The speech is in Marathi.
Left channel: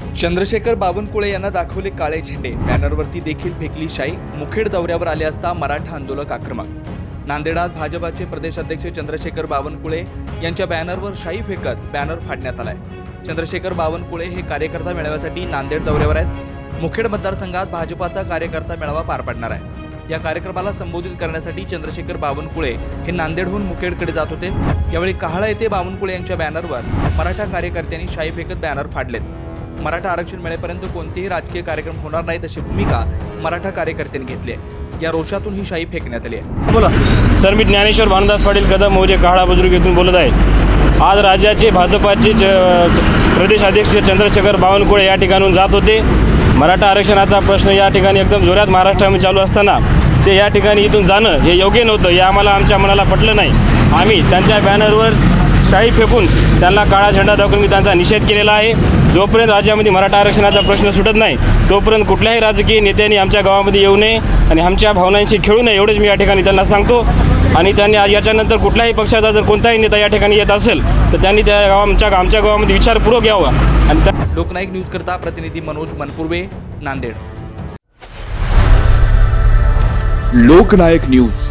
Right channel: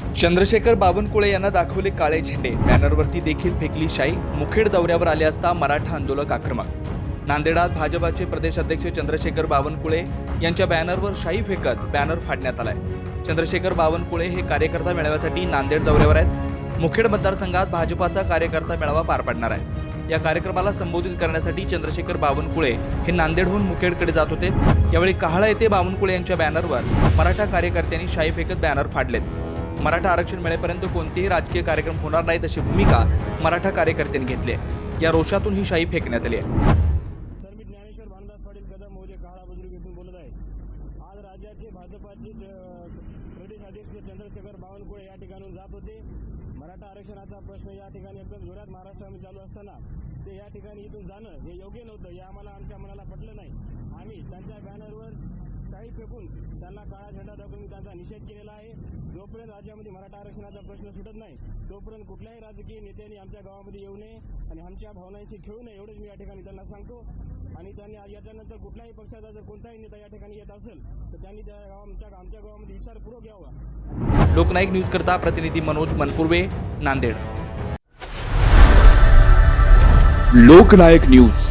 चंद्रशेखर बावनकुळे यांना दाखवले काळे झेंडे. बॅनरवरती देखील फेकली शाई. मुखेड दौऱ्यावर आले असता मराठा आंदोलक आक्रमक. नांदेडात भाजपाचे प्रदेश अध्यक्ष चंद्रशेखर बावनकुळे यांच्या बॅनरवर शाई फेकत बॅनर फाडण्यात आलाय. चंद्रशेखर बावनकुळे हे कार्यकर्ता मेळाव्यासाठी नांदेड दौऱ्यावर आहेत. मुखेड मतदारसंघात भाजपाचा कार्यकर्ता मेळावा पार पडणार आहे. या कार्यक्रमाला संबोधित करण्यासाठी चंद्रशेखर बावनकुळे हे नांदेडहून मुखेडकडे जात होते. यावेळी काहळा येथे बावनकुळे यांच्या बॅनरवर मराठा कार्यकर्त्यांनी शाई फेकत बॅनर फाडलेत. मराठा आरक्षण मिळेपर्यंत कोणतेही राजकीय कार्यक्रम होणार नाहीत अशी भूमिका मराठा कार्यकर्त्यांनी घेतली आहे. या रोषातून ही शाई फेकण्यात आली आहे. बोला. सर मी ज्ञानेश्वर भानुदास पाटील कदम मौजे काळा बुजुर्ग येथून बोलत आहे. आज राज्याचे भाजपाचे प्रदेश अध्यक्ष चंद्रशेखर बावनकुळे या ठिकाणून जात होते. मराठा आरक्षणाचा प्रश्न या ठिकाणी एकदम जोरात महाराष्ट्रामध्ये चालू असताना ते या ठिकाणी इथून जाणं हे योग्य नव्हतं हे आम्हाला आमच्या मनाला पटलं नाही. आम्ही त्यांच्या बॅनरवर शाई फेकून त्यांना काळा झेंडा दाखवून मी त्यांचा निषेध केलेला आहे. जोपर्यंत राज्यामध्ये मराठा आरक्षणाचा प्रश्न सुटत नाही तोपर्यंत कुठल्याही राजकीय नेत्यांनी आमच्या गावामध्ये येऊ नये आणि आमच्या भावनांशी खेळू नये एवढंच मी या ठिकाणी त्यांना सांगतो. आणि त्यांनी याच्यानंतर कुठल्याही पक्षाचा जर कोणताही नेता या ठिकाणी येत असेल तर त्यांनी त्या गावा आमच्या आमच्या गावामध्ये विचारपूर्वक यावं. आणि त्या लोकनायक न्यूज करता प्रतिनिधी मनोज मनपुर्वे नांदेड. लोकनायक न्यूज.